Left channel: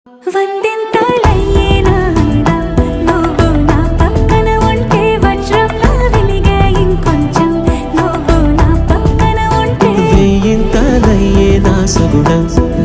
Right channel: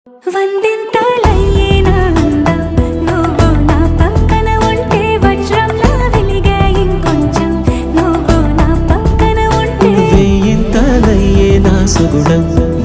వందింతలయ్యేనా అందం నువ్వు నా పక్కన ఉంటే వజ్రంలా వెలిగే ఇంకొంచెం నువ్వు నా పక్కన ఉంటే వేయింతలయ్యేనా సుగుణం